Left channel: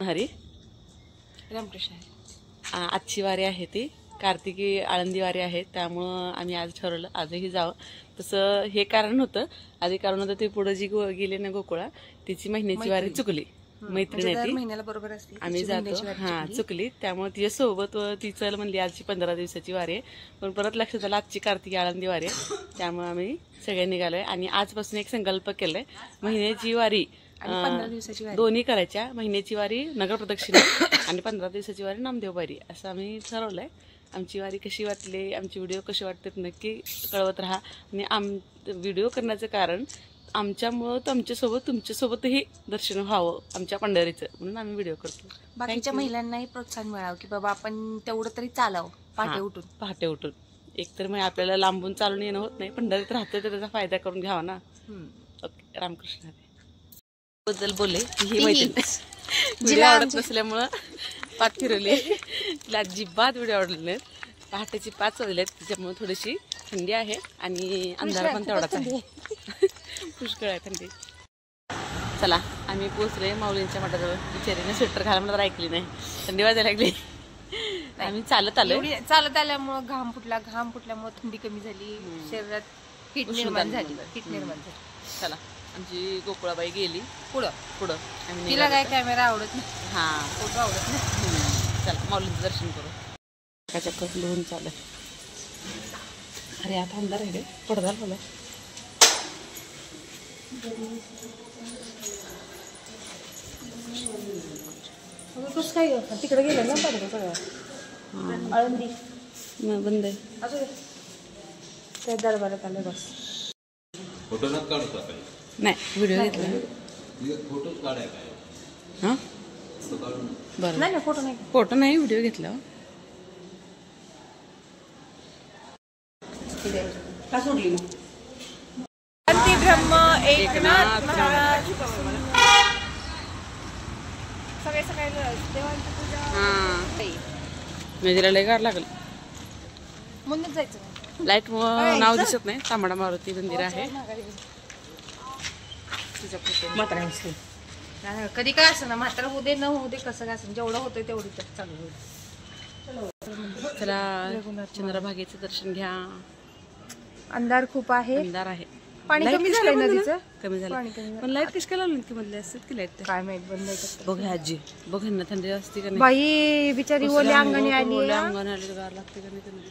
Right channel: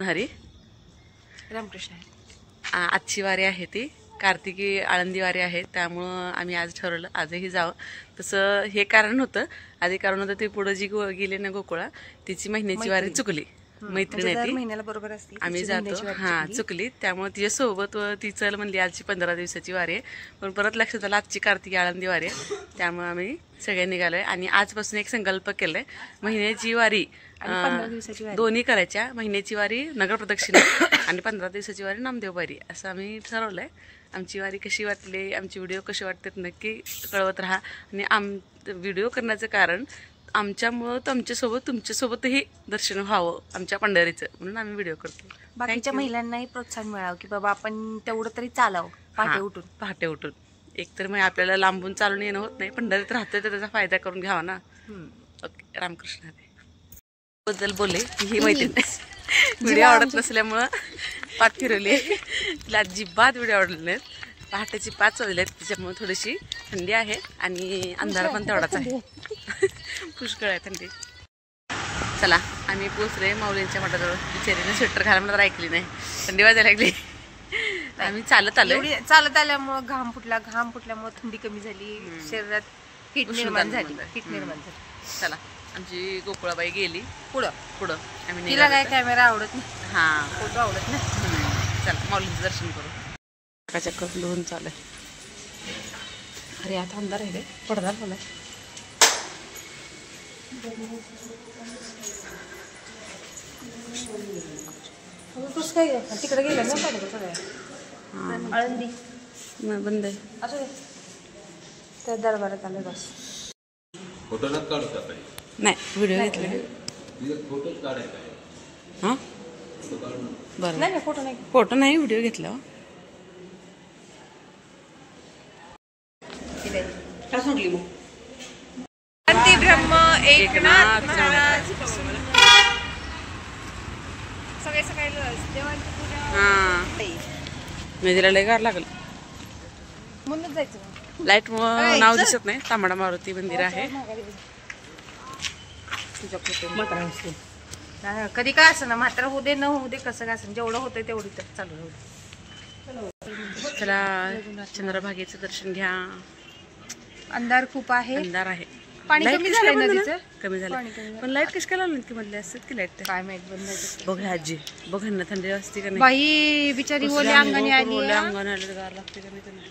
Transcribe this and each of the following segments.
हरी रामकृष्ण आजची वारी आहे ती कार्तिकी आळंदी वारी आहे, त्यामुळं आम्ही आज ठरवलं आजही जावं. तसं हे कारण होतं, आधी कारण होतं ते पुढे जी गेले ना गोकुळा, तिची महिन्याची वारी चुकली. मैत्रिणी महिन्याला बरोबर असते आम्ही जातो, हा चुकली, त्यामुळे तिच्या सोबत ती चल म्हणली आजची 15 दिवसाची वारी आहे. पण परत लक्षात आलं आजची कार्तिकी आळंदी वारी आहे, त्यामुळे आम्ही सगळे निघालोय आणि आजपासून एक संकल्प केलाय, महिन्याची वारी 15 दिवसाची वारी दोन्ही करायच्या. महिन्याची वारी नगर प्रदक्षिणा आणि 15 दिवसाची वारी नामदेव वारी असं आम्ही ठरवलंय. आमची वारी कशी वाटली, आमची व्हिडिओ कशी वाटतात नक्की कळवत राहा. आणि व्हिडिओ करण्याचं कारण आमच्यामुळं तुमच्यासोबतही दर्शन व्हावं आमच्या पंढरीचं, म्हणून आम्ही व्हिडिओ करतो. बाकीच्या महिलांनाही प्रोत्साहन मिळावं की बाबा आपण तेवढं तरी चालावं पहाटे उठून. एकतर मग आपल्याला लांबून चालून येणं होत नाही, पंढरीत राहतोय तर त्याचा फायदा करून घ्यावा ना. ओके, रामकृष्ण बद्दल बोलले ही मैत्रीण व्हिडिओ आवडत नसल्यामुळं पाठ फिरवली, तिला अजिबात व्हिडिओ आवडले नाहीत. पहाटेची 5 वाजले आहेत, त्याच्यामुळे थोडीशी थंडी आहे आणि अंधार पण तेवढाच आहे. पुष्कळ आहे थंडी. चला आम्ही पोचले माऊलींच्या मठाजवळ. बिचारीने स्वेटर घाला म्हणत ऐकली नाही, थंडी वाजायला लागली. आम्ही चालत आल्यामुळे घाम फुटल्यामुळे थंडी कमी झाली, शरीरात हीट निर्माण झाली. चला आमची गोकुळाबाई गेली पुढं आम्ही तिला काय कॅमेरा आवडत नाही, हा फोटो आवडत नाही. चला माऊलींचं दर्शन करू. चक्कर धुवून चालू. अरे आता अंधार आहे रे, पडदा लावलाय. तिकडे गेले ना सगळ्या आळंदी बंद आहे. असू दे, त्या दरबारात आले बस. फोटो नका काढू काही नाही, व्हिडिओ घेतला. फोटो काढायचा हां बरं, नाही फोटो नाही व्हिडिओ घेतला. ब्रह्म एकनाथ महाराज सगळे देवांची पूजा. हां मी तिला लय गार लागलं. म्हणूनच जायचं. लाईट नाव दिसत नाही. तांबडा मारुती मंदिर आहे. कधी काय असं ना, मात्र होऊ दे न होऊ दे, कसं काय असं जेवढं होतंय तेवढी तर चालू होऊ दे. चला चंद्रभागेचं दर्शन घ्या. अंधार खूप आहे, अंधार आहे. पाणी कमी झालं, कमी झालं. पण लाईट कशी काय लावली की मधले असतात की लाईट काय माहित बंद. बघ आजी, बघ ना थंडी असते का नाही. बाई बिचारी ओल्या अंगाने आले, गार लागते का नाही.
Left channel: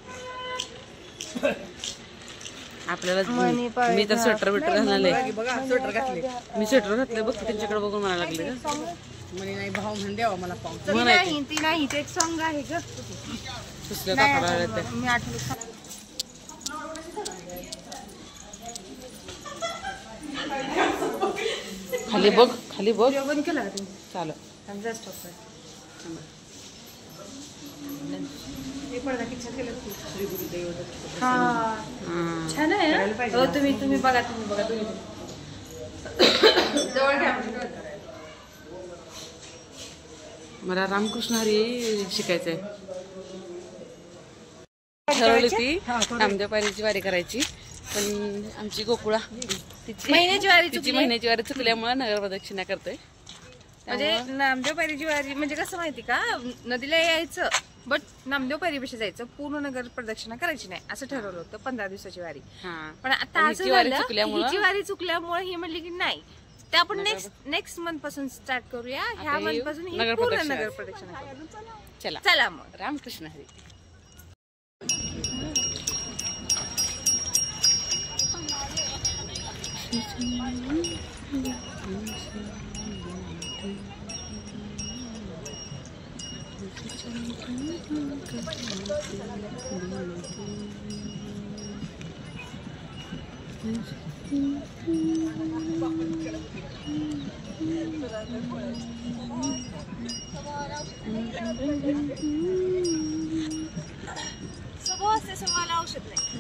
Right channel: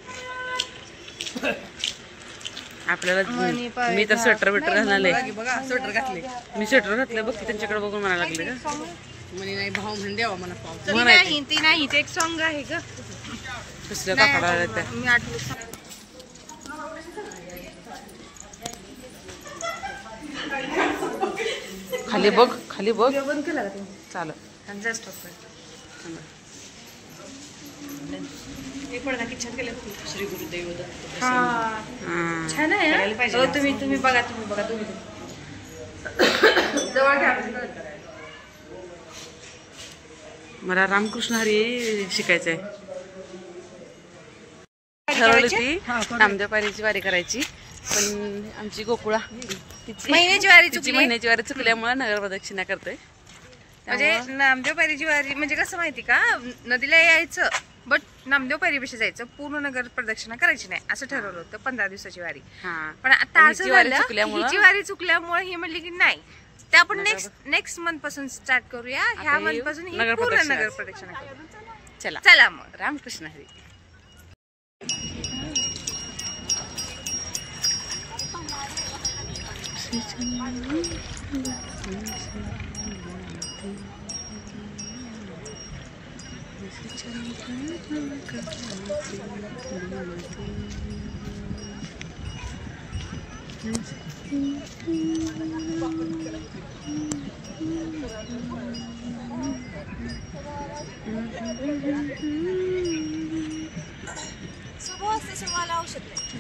आपल्याला मी तर स्वेटर बिटर घालले, स्वेटर घातले, मी स्वेटर घातले. बघ त्यांच्याकडे बघून म्हणायला लागले का नाही भाऊ म्हणून द्यावा मला म्हणायचं. नाही ते एक सॉंग आहे ग, कसल्या कापडा आल्या त्या. मी आठवलं. खाली बघ, खाली बघ. बंद केला का तुम्ही? चालेल जस्ट एक पडदा किचन गेले. श्री गुरुदेव दत्त. छान आहे. तुम्ही बघा जवळ घ्या. मला रामकृष्ण हरी शिकायचंय. ठरवली ती नामदेव पायरीची वारी करायची, पण आमची गोकुळा महिन्याची वारी चुकल्यामुळे नगर प्रदक्षिणा करतोय. म्हणजे नामदेव पायरीची वारी म्हणजे कसं माहिती का, नदीला यायचं बट नामदेव पायरीपेक्षा जायचं, पूर्ण नगर प्रदक्षिणा करायची नाही असं ठरवलं होतं 15 दिवसाची वारी. पण आता असं झालं, हिची वारी चुकल्यामुळे ही म्हणली की नाही, ते आपण नेक्स्ट मंथ पासून स्टार्ट करूया. ह्या मंथ पासून पूर्ण नगर प्रदक्षिणा करू. चला मग रामकृष्ण हरी.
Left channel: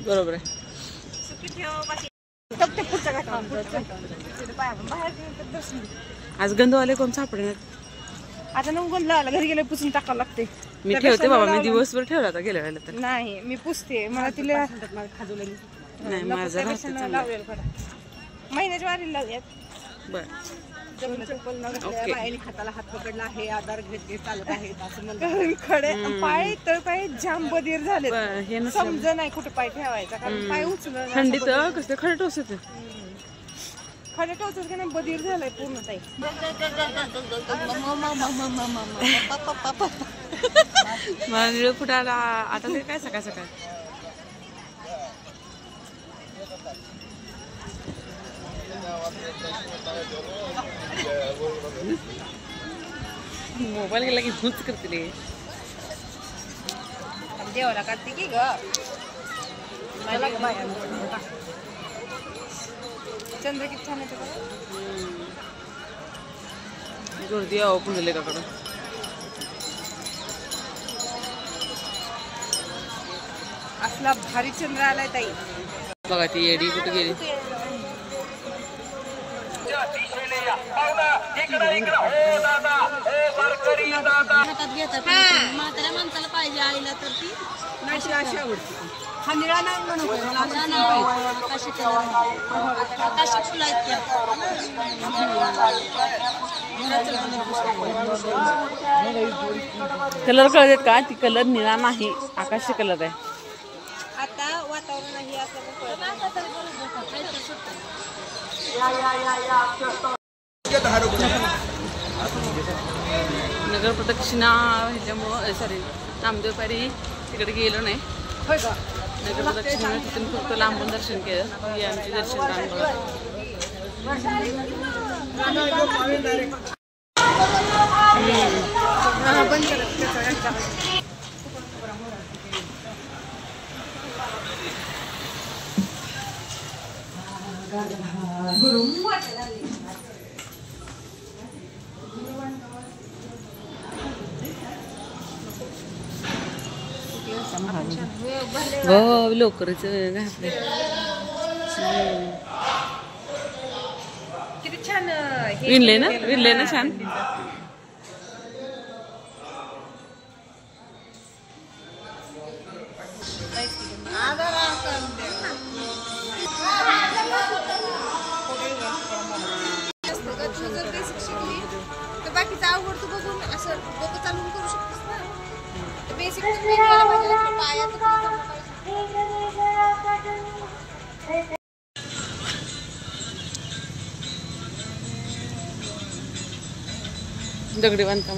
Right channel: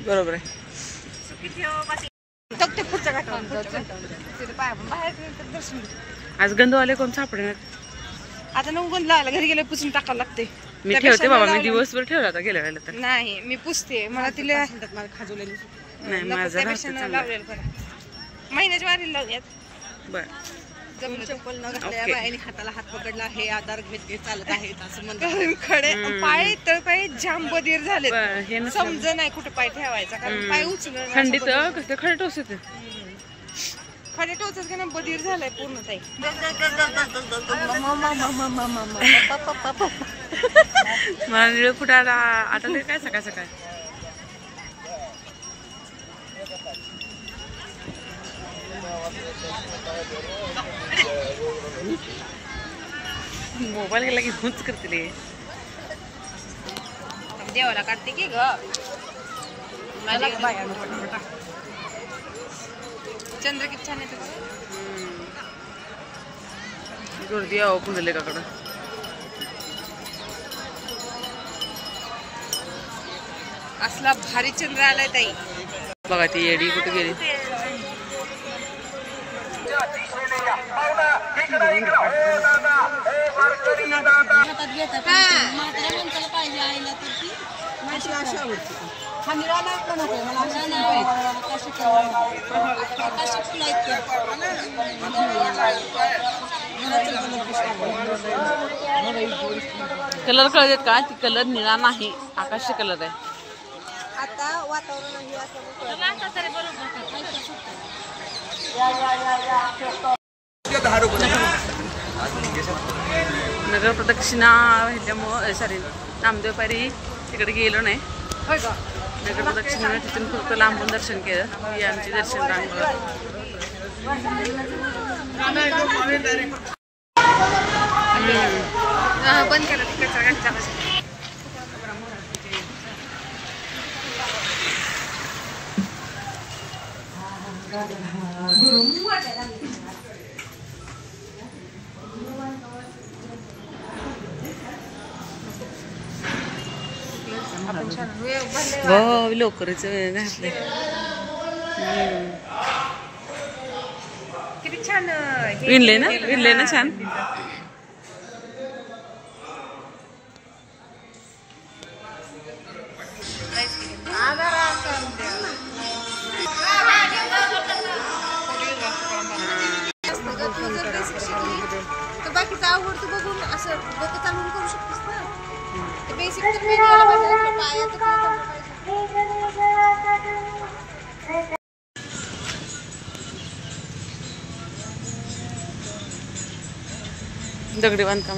बरोबर आहे. आज गंधवाले कोण सापडणार. आता नवगुण लागला, घरी गेले पुसून टाकावं लागते. मी ठेवते बाबा, मी दिवसभर ठेवला होता गेल्या वेळेला तर. नाही मी पुसते, मला तिला नाही माझं राहतं चांगलं. महिन्याच्या वारीला लावूयात. बरं चप्पल न घातल्या ओके. बायाने हाताला हात पकडला, हे आधार घेत घेत चालत आहेत असं म्हणतात. खडे पाय तर काही जाम बधीर झाले, हे नसलं समज नाही कुठे पाय ठेवायचा, कारण पाय उचलून थंडीत कसं खडे टोचत खडे टोचत का ना बधीर झालंय पूर्ण ताई. मला निळ फुटायला आता ते काय सकाळ सकाळ मोबाईल गेला की हुंच करते रे. देवाला काढते की ग चंद्र किती छान येतं. गर्दी आहे पुंडलिकाकडं. असला भारी चंद्र आलाय ताई. बघा ती येडी कुठे गेली. हातात घेतात म्हाताऱ्या माणसाला पाहिजे आईला तर ती अशी आवडते. हा निळा नाव नको मला आकाशी फुलं आहेत कलर कळत का? ती कलर निळा नाही, आकाशी कलर आहे. आता वातावरण आहे असं नगर प्रदक्षिणा ह्याच्यामुळं सॉरी नामदेव पायरी तिकडे गेलो नाही. नगर प्रदक्षिणेने तिथून फक्त लांबून दर्शन केलं. ही आमची दर्शन रांग बघा. बंद केलं तिकडचा घंटा. हो लवकरच घातलंय. किती छान विणले ना छान. बाकीचा आवडतो बघून असं डोकं चालून करू शकतेस ना. बेसिक तर मी यायला पाहिजे, पायाचं काय जमलं पाहिजे. दगडी बांधकाम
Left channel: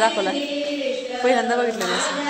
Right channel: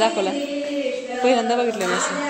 दाखवला पहिल्यांदा बघितलं असं.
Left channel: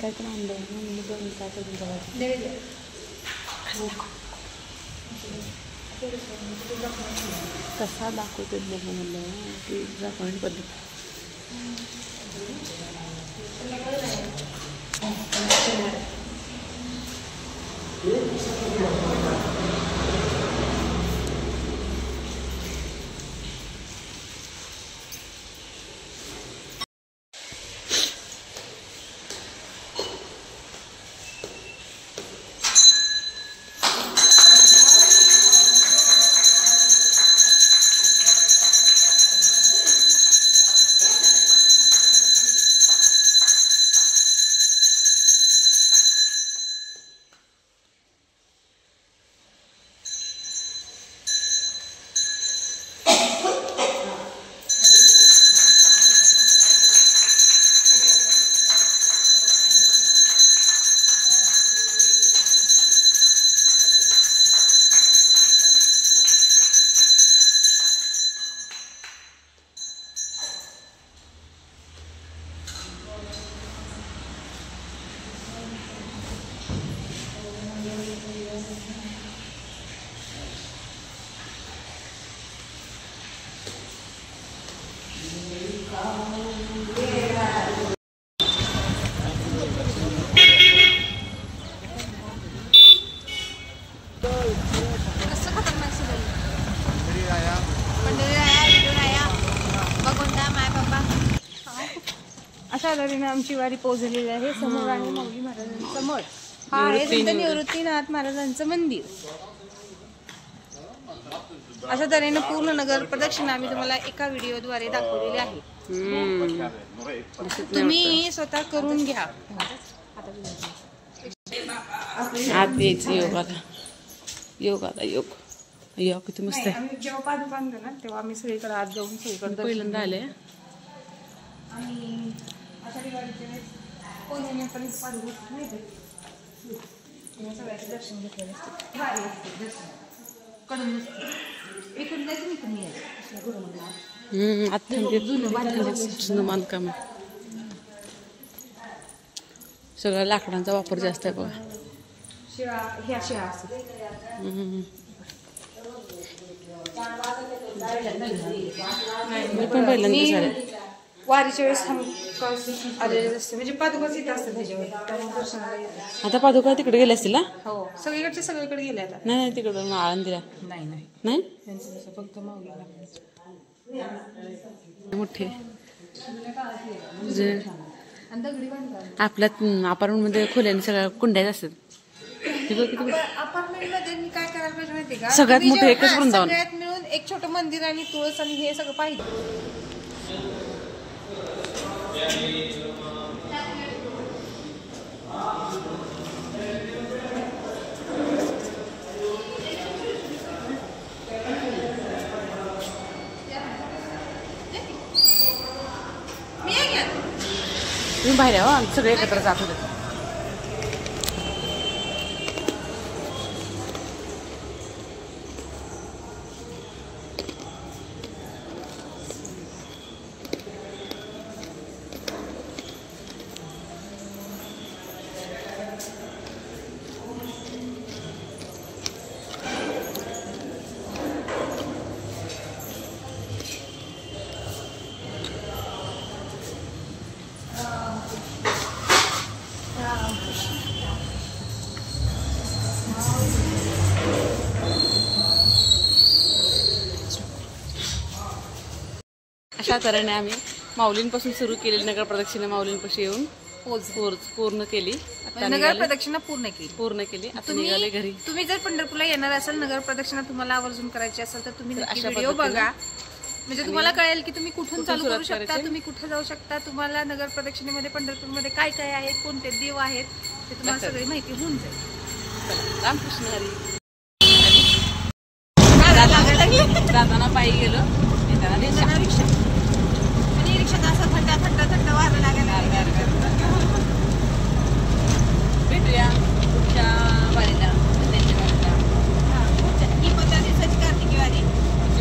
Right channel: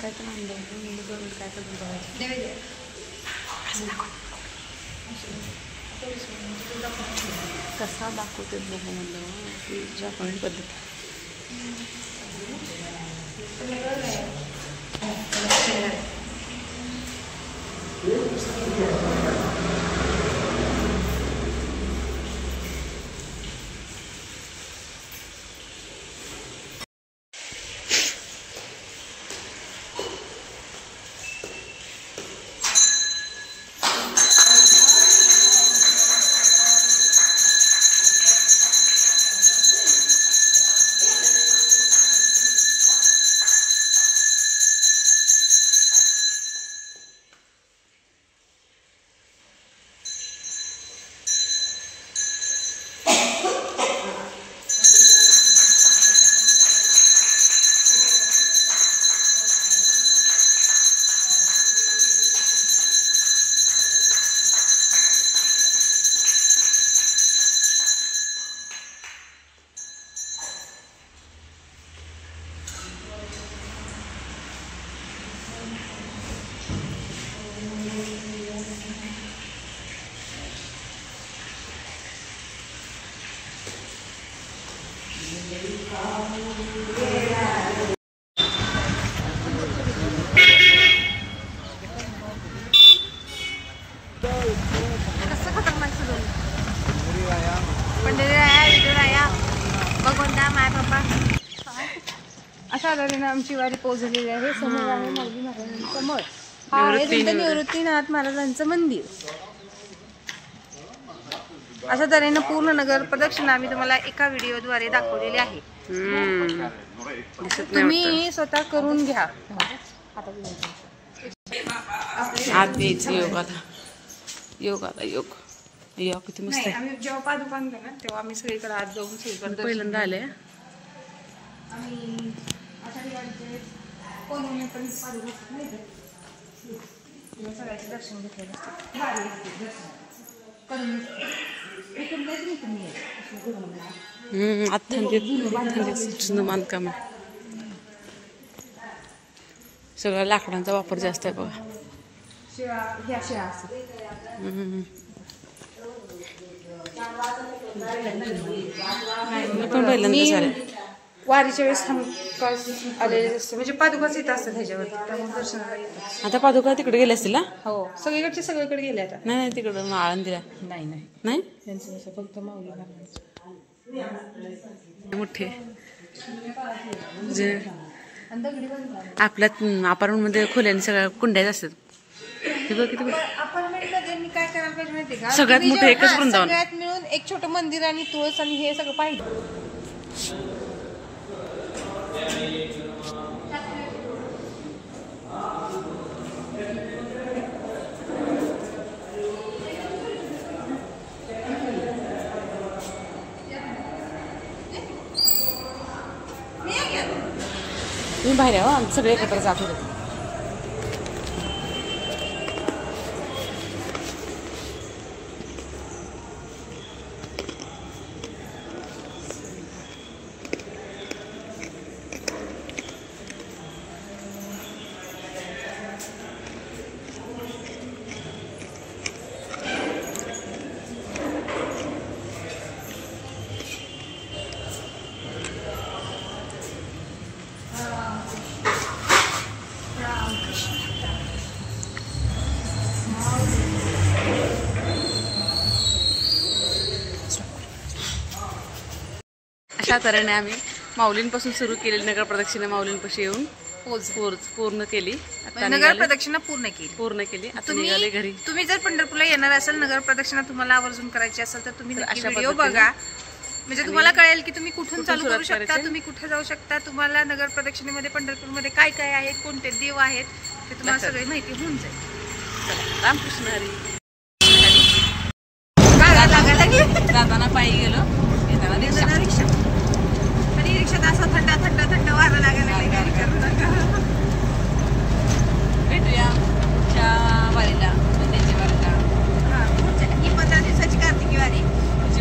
काय तर काय कसा दाखवतो बघू म्हणलं की जपानी पद्धत. अशा तऱ्हेने आमची वारी पोहोचलेली आहे. समोर आहे माऊली महाराजांचं मठ, निवृत्तीनाथ महाराजांचं मंदिर. अशा तऱ्हेने पूर्ण नगर प्रदक्षिणा आम्ही तुम्हाला एका व्हिडिओद्वारे दाखवलेली आहे. तुम्ही स्वतः करून घ्या. आत यायचं योगाला, योगाला योग योग किती मस्त. आम्ही जेव्हा पादुका आणतो ना तेव्हा आम्ही सगळीकडे आत जाऊन सगळीकडे पहिल्यांदा आले. आम्ही आषाढी वारीचे पौर्णिमेपर्यंत पादुका नाही तेव्हा सगळ्याचे दर्शन घेतलेले असते. भारी असते दर्शन कडून इकडून जायचं नाही कमी आहे. आत थंडीत बांधकाम आहे. सगळ्या लाकडांचा वापर जास्त आहे बघा. शिळा ह्या शिळा असतात. पण पहिल्यांदा झालं. वारीच्या वेळेस आलेले असते म्हणजे पादुकाच येत असतात ह्याच्यावर, त्यामुळे दर्शनाला येतात. आता पादुका तिकडे गेले असतील ना? हो सगळीकडचे सगळीकडे गेले आता. नाही तिकडं आळंदीला नाही नाही नाही त्यांचं कसं फक्त माऊलीला मोठे आपल्या अपार्टमेंट मध्ये खोल्याने सगळ्या कुंड्या असतात. अपार्टमेंट मध्ये मी काय करायला पाहिजे माहिती का, सगळ्यात मोठं एकच वृंदावन, सगळ्यात मिळून एक छोटं मंदिर आणि तुळस आणि हे सगळं पाहिजे. तुम्ही बाहेर यावं, सगळे एकत्र जात होते. अशा तऱ्हेने आम्ही माऊलींपासून सुरू केलेली नगर प्रदक्षिणा माऊलींपाशी येऊन पूर्ण केली. आता नगर निघाले प्रदक्षिणा पूर्ण केली. आता निघाले घरी. तुम्ही जर पंढरपूरला येणार असाल, नगर प्रदक्षिणा तुम्हाला आवर्जून करायची असेल तर तुम्ही अशा व्हिडिओ बघा. म्हणजे तुम्हाला कळेल की तुम्ही कुठून चालू करू सुरुवात शकता, करायची? तुम्ही कुठे जाऊ शकता, तुम्हाला नगर प्रदक्षिणेमध्ये पंढरपूरमध्ये काय काय आहेत, कोणते देव आहेत ते तुम्हाला लक्षात. सगळी माहिती होऊन जाईल. चला रामकृष्ण हरी. जाताना पायी गेलो, येताना रिक्षा. रिक्षा आणि रिक्षात असं थंड थंड थंड वारं लागायला लागले. भेटूया पुढच्या वारीला, महिन्याच्या वारीला. ही 15 दिवसाची कार्तिकी वारी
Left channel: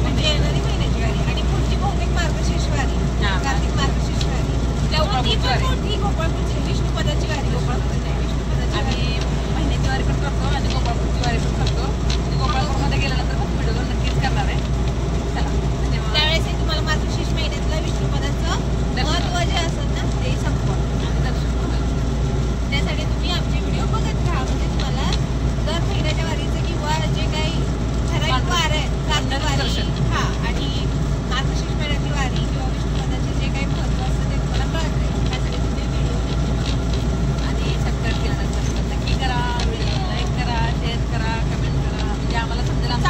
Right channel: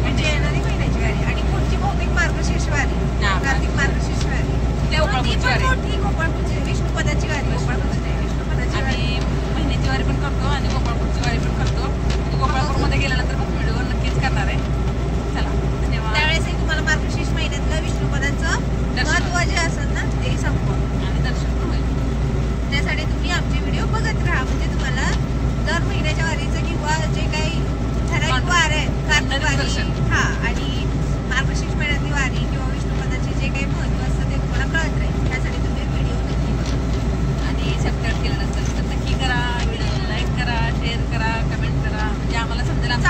म्हणजे येणारी महिन्याची वारी आणि पुढची बहुतेक मार्गशीर्ष वारी, कार्तिक मार्गशीर्ष वारी. ती पण मोठी गोपाळपूरची विष्णुपदाची वारी. गोपाळपूरची नाही, विष्णुपदाची वारी. महिन्याची वारी पण करतो आणि गोपाळपूरची वारी पण करतो. गोपाळपूरमध्ये गेल्यानंतर खूप व्हिडिओ नक्कीच करणार आहे. चला धन्यवाद. त्यावेळेस तुम्हाला मार्गशीर्ष महिन्यातलं विष्णुपदाचं महत्व जे असेल ना ते संपवा आणि दर्शन पण होईल. त्यासाठी तुम्ही आमचे व्हिडिओ बघत राहा. म्हणजे तुम्हाला दर महिन्याच्या वारीचं किंवा जे काही ठराविक वार आहे, कार्तिक वारी आणि मार्गशीर्ष महिन्यातली वारी किंवा विष्णुपदाचे जे काही महत्व असतं ते तुम्हाला कळत राहील. त्यासाठी तुम्ही व्हिडिओ आणि सबस्क्राईब केल्यानंतर नक्की करा, व्हिडिओ लाईक करा, शेअर करा, कमेंट करा. म्हणजे आम्हाला समजेल आमचं